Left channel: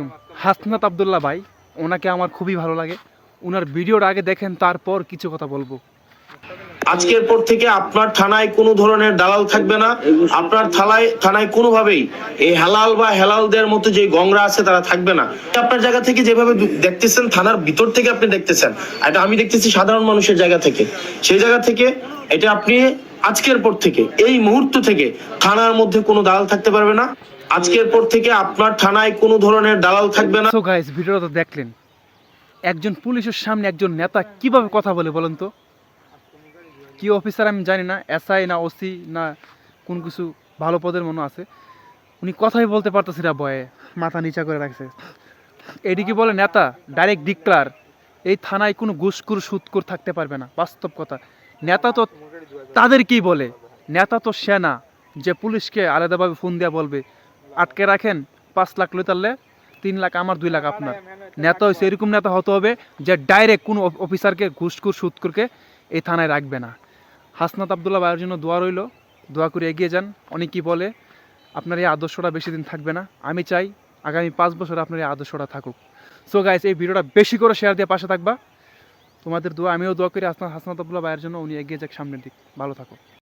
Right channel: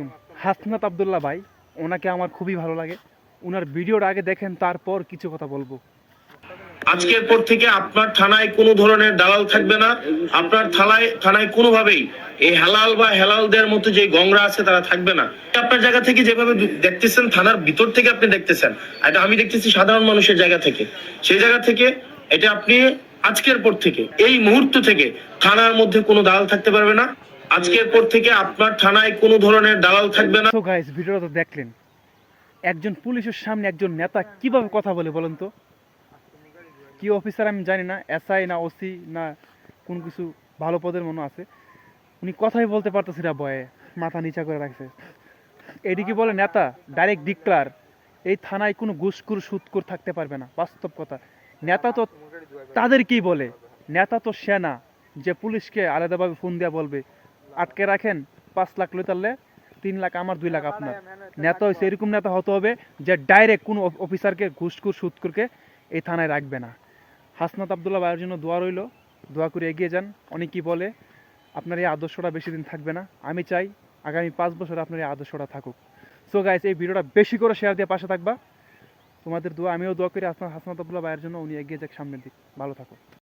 আলাইকুম। হাসনাত আব্দুল্লাহ ভাই, ওনাকে আমার খুবই ভালো লাগে। ওনার ভিডিওর আগে দেখেন, তারপর কিছু কথা বলবো। আজকের পর থেকে আপনার থানায় কোনো ধরনের দালাল থাকবে না। আপনার থানায় কোনোভাবেই এই হালাল বা হেলালদের মতো যে গংরা আছে তারা থাকবে না। আপনার জায়গা থেকে যেভাবে দেখতেছেন, থানার ভিতর থেকে আপনি দেখতেছেন, এটা আমি দেখতেছি সাধারণ মানুষের জায়গা থেকে। সেই জায়গা থেকে এটা আপনি আজকের পর থেকে, এই মুহূর্ত থেকে থানার মধ্যে কোনো দালাল থাকতে পারবে না। আজকের পর থেকে আপনার থানায় কোনো ধরনের দালাল থাকবে না। সো গাইস, ভিডিওটা তো দেখলেন। একজন পুলিশের সামনে একজন নেতা কিভাবে কথা বলে বলেন তো? কি অফিসার আমি জানি না, এসআই না ওসি না কোন কিছু ভালো পদের মনে আছে, উনি কথাই বলতে পারতেছে না, ভয়ে মাথা নিচা করে রাখছে। এদিকে বলে নেতা ডাইরেক্ট ডিক্লার, এই থানায় কোনো ঘুষখোর সুদখোর থাকতে পারবে না। বাস্তব কথা, নেতা তো তাদেরকেই বলে, নেতা তো সেনা, যে পুলিশকে আলাদাভাবে ফোন দেওয়া বলবে আটকে রাখেন, 5 লাখ লইতারলে 3 লাখ আমার, 2 লাখ আপনার। নেতা হয়েছে এরকম নেতা হতে হবে যে ডাইরেক্ট কোনো অফিসারকে ঘুষখোর সুদখোরকে এই থানায় রাখবে না। হাসনাত আব্দুল্লাহ ভাইয়ের জন্য দোয়া রইল, দোয়া করে এগিয়ে যান। অনেকেই বলে আপনার এই আদর্শটা বেশি দিন থাকবে না, আমি চাই আগামী 5 বছর আপনার এই আদর্শটা থাকুক। সো গাইস, এই ভিডিওটা বেশি করে শেয়ার দিয়ে পাশে থাকবা। তোমাদের দোয়া, আমিও দোয়া করি হাসনাত আব্দুল্লাহ ভাইয়ের জন্য, উনি এগিয়ে যাক সামনের দিক। ভালো থাকো।